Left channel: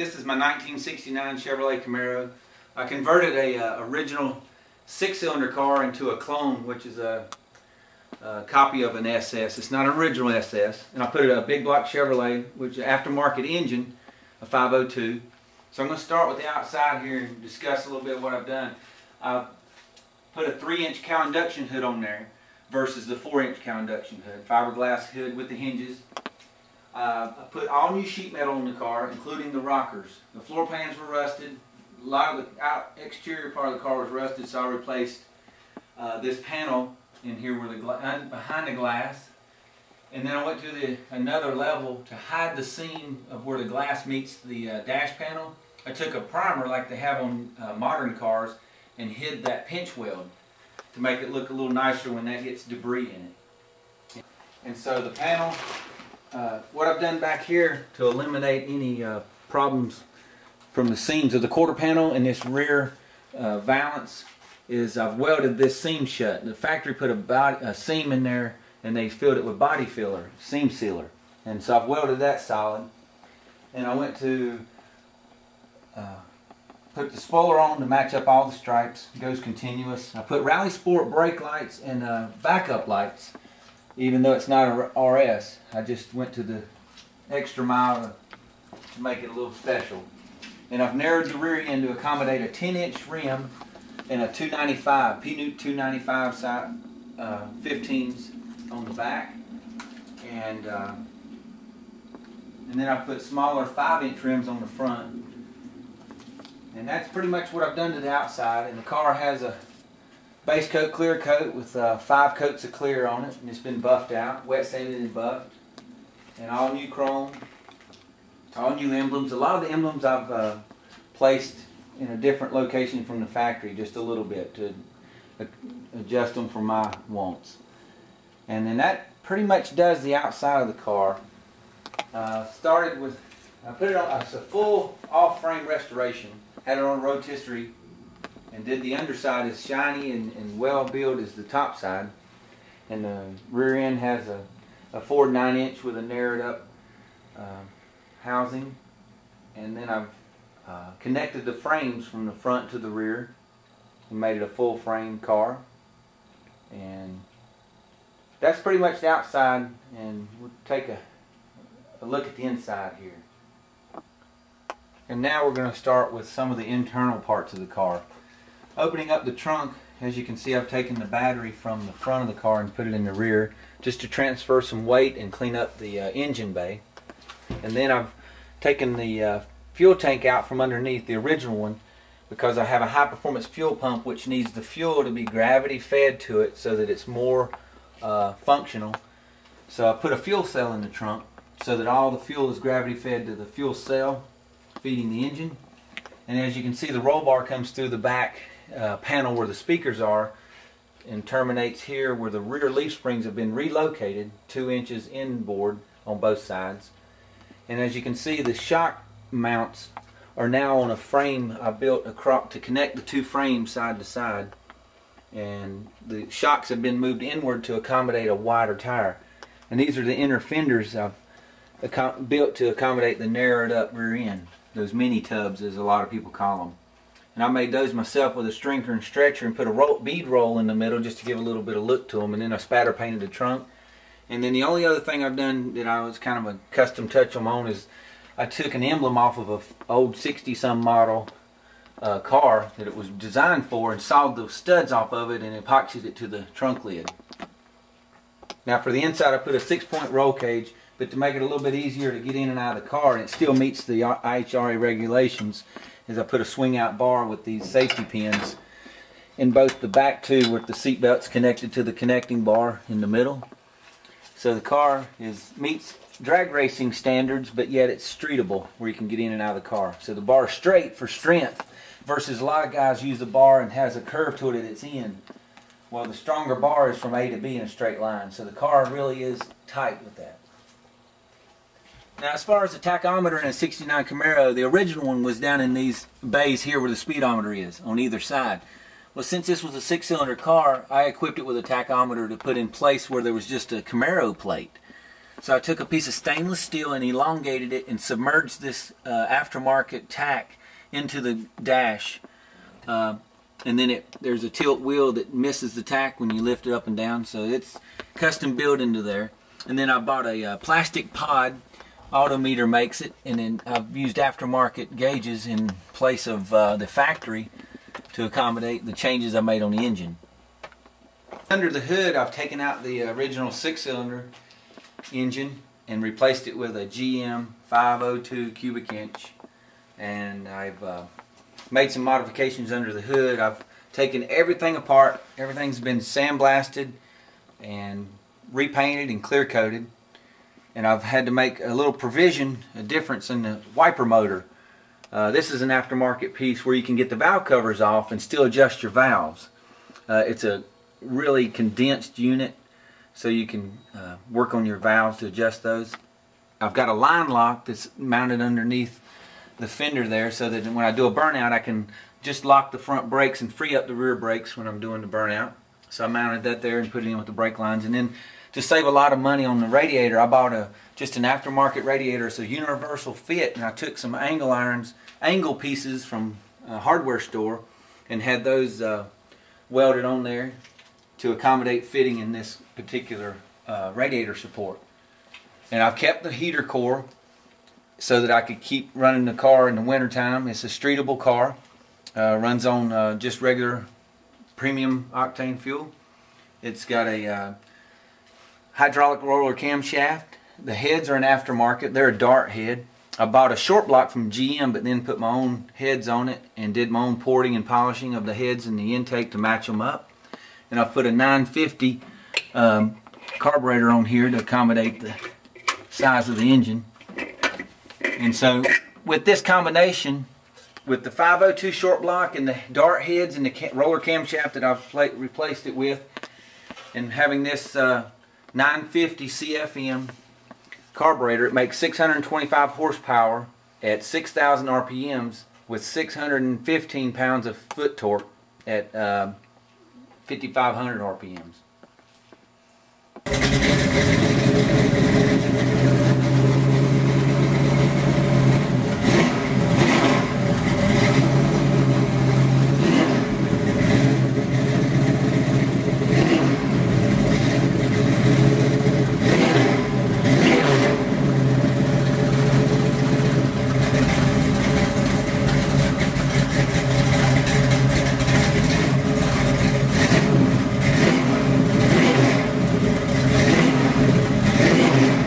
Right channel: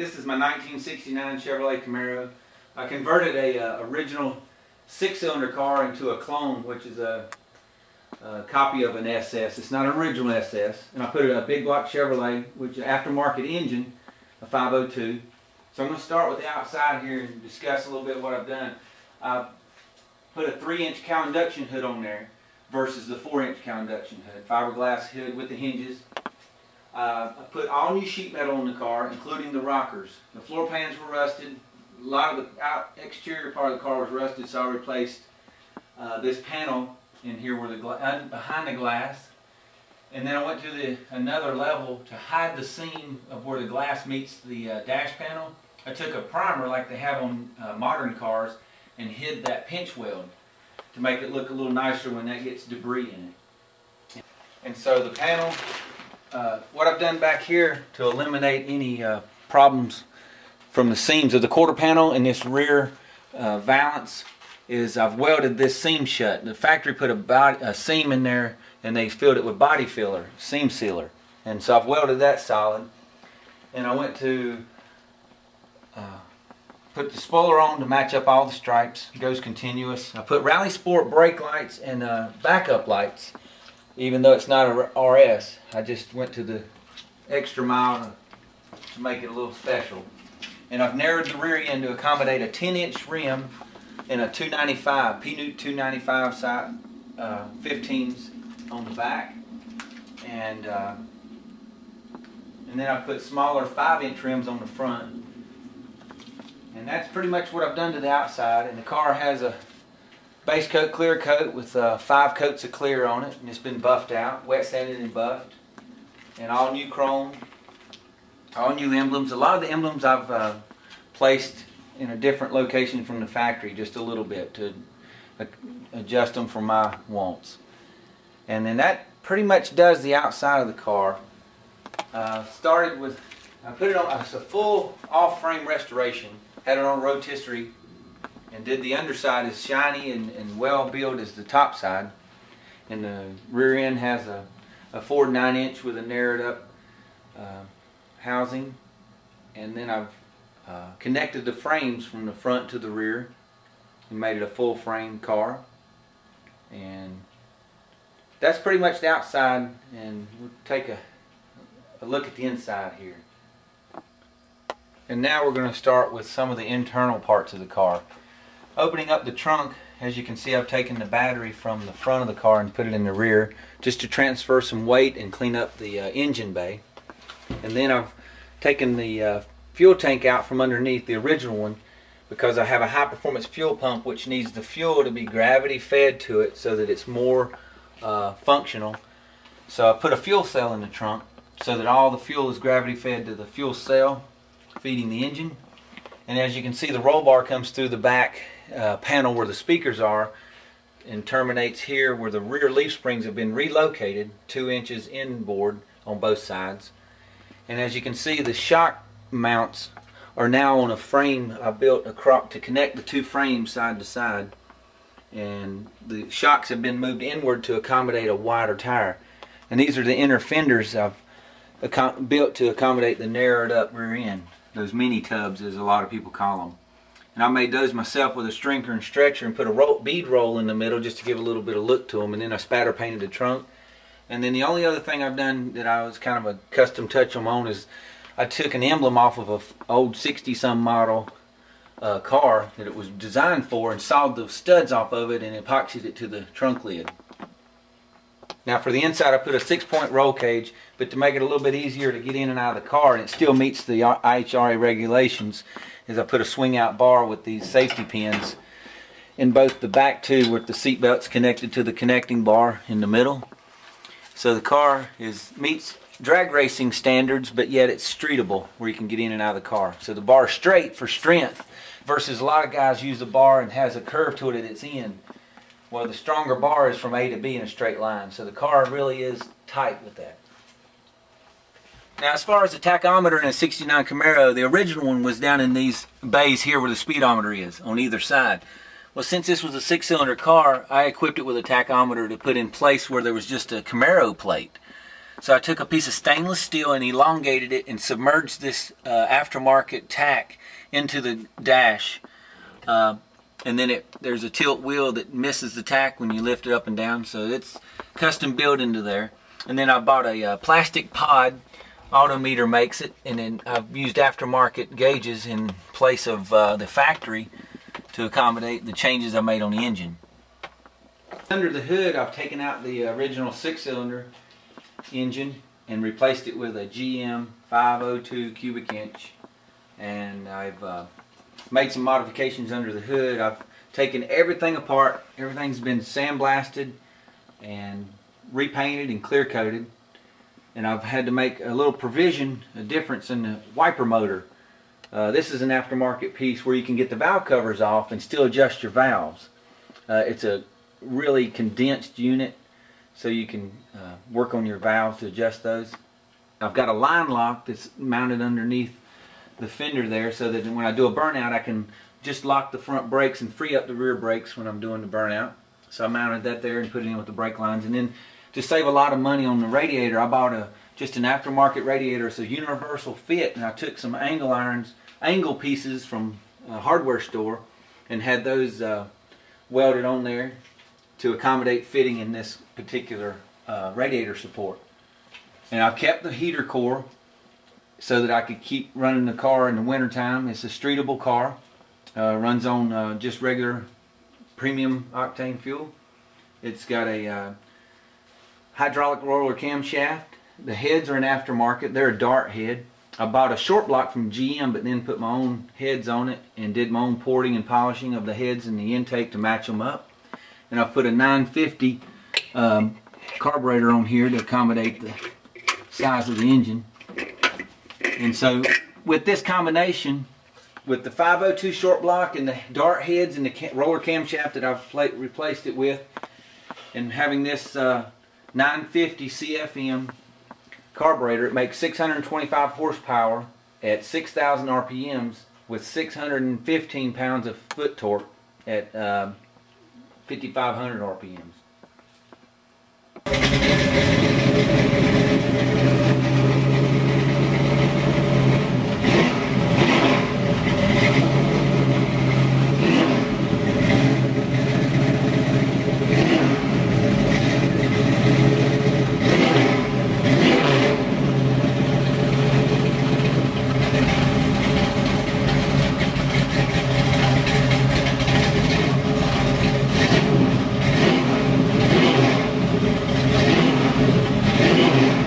This is my 1969 Chevrolet Camaro. I converted a original 6-cylinder car into a clone, which is a copy of an SS. It's not an original SS. And I put a big block Chevrolet, which is an aftermarket engine, a 502. So I'm going to start with the outside here and discuss a little bit what I've done. I put a 3-inch cow induction hood on there versus the 4-inch cow induction hood. Fiberglass hood with the hinges. I put all new sheet metal on the car, including the rockers. The floor pans were rusted. A lot of the exterior part of the car was rusted, so I replaced this panel in here where behind the glass. And then I went to another level to hide the seam of where the glass meets the dash panel. I took a primer like they have on modern cars and hid that pinch weld to make it look a little nicer when that gets debris in it. And so the panel, what I've done back here to eliminate any problems from the seams of the quarter panel and this rear valance is I've welded this seam shut. The factory put a seam in there and they filled it with body filler, seam sealer. And so I've welded that solid. And I went to put the spoiler on to match up all the stripes. It goes continuous. I put Rally Sport brake lights and backup lights, even though it's not a RS. I just went to the extra mile to make it a little special. And I've narrowed the rear end to accommodate a 10-inch rim and a 295, P-Newt 295 side 15s on the back. And then I put smaller 5-inch rims on the front. And that's pretty much what I've done to the outside. And the car has a base coat, clear coat with 5 coats of clear on it. And it's been buffed out, wet sanded and buffed. And all new chrome, all new emblems. A lot of the emblems I've placed in a different location from the factory, just a little bit to adjust them for my wants. And then that pretty much does the outside of the car. Started with, I put it on, it's a full off-frame restoration. Had it on rotisserie and did the underside as shiny and well built as the top side. And the rear end has a 4 9-inch with a narrowed up housing. And then I've connected the frames from the front to the rear and made it a full frame car. And that's pretty much the outside, and we'll take a look at the inside here. And now we're going to start with some of the internal parts of the car. Opening up the trunk, as you can see, I've taken the battery from the front of the car and put it in the rear just to transfer some weight and clean up the engine bay. And then I've taken the fuel tank out from underneath the original one because I have a high performance fuel pump which needs the fuel to be gravity fed to it so that it's more functional. So I put a fuel cell in the trunk so that all the fuel is gravity fed to the fuel cell feeding the engine. And as you can see, the roll bar comes through the back panel where the speakers are and terminates here where the rear leaf springs have been relocated 2 inches inboard on both sides. And as you can see, the shock mounts are now on a frame I built to connect the 2 frames side to side. And the shocks have been moved inward to accommodate a wider tire. And these are the inner fenders I've built to accommodate the narrowed up rear end. Those mini tubs, as a lot of people call them. And I made those myself with a stringer and stretcher and put a bead roll in the middle just to give a little bit of look to them. And then I spatter painted the trunk. And then the only other thing I've done that I was kind of a custom touch on my own is I took an emblem off of an old 60-some model car that it was designed for and sawed the studs off of it and epoxied it to the trunk lid. Now for the inside I put a 6-point roll cage, but to make it a little bit easier to get in and out of the car and it still meets the IHRA regulations is I put a swing out bar with these safety pins in both the back two where the seat belt's connected to the connecting bar in the middle. So the car meets drag racing standards, but yet it's streetable where you can get in and out of the car. So the bar is straight for strength versus a lot of guys use a bar and has a curve to it at its end. Well, the stronger bar is from A to B in a straight line. So the car really is tight with that. Now as far as the tachometer in a 69 Camaro, the original one was down in these bays here where the speedometer is on either side. Well, since this was a 6-cylinder car, I equipped it with a tachometer to put in place where there was just a Camaro plate. So I took a piece of stainless steel and elongated it and submerged this aftermarket tack into the dash. And then there's a tilt wheel that misses the tack when you lift it up and down, so it's custom built into there. And then I bought a plastic pod. Tachometer makes it, and then I've used aftermarket gauges in place of the factory to accommodate the changes I made on the engine. Under the hood, I've taken out the original 6-cylinder engine and replaced it with a GM 502 cubic inch, and I've made some modifications under the hood. I've taken everything apart. Everything's been sandblasted and repainted and clear coated, and I've had to make a little provision, a difference in the wiper motor. This is an aftermarket piece where you can get the valve covers off and still adjust your valves. It's a really condensed unit, so you can work on your valves to adjust those. I've got a line lock that's mounted underneath the fender there, so that when I do a burnout I can just lock the front brakes and free up the rear brakes when I'm doing the burnout. So I mounted that there and put it in with the brake lines. And then to save a lot of money on the radiator, I bought just an aftermarket radiator. It's a universal fit, and I took some angle pieces from a hardware store and had those welded on there to accommodate fitting in this particular radiator support. And I've kept the heater core so that I could keep running the car in the wintertime. It's a streetable car. Runs on just regular premium octane fuel. It's got a hydraulic roller camshaft. The heads are an aftermarket. They're a dart head. I bought a short block from GM, but then put my own heads on it and did my own porting and polishing of the heads and the intake to match them up. And I put a 950 carburetor on here to accommodate the size of the engine. And so with this combination, with the 502 short block and the dart heads and the roller camshaft that I've replaced it with, and having this 950 CFM carburetor, it makes 625 horsepower at 6,000 RPMs with 615 pounds of foot torque at 5,500 RPMs.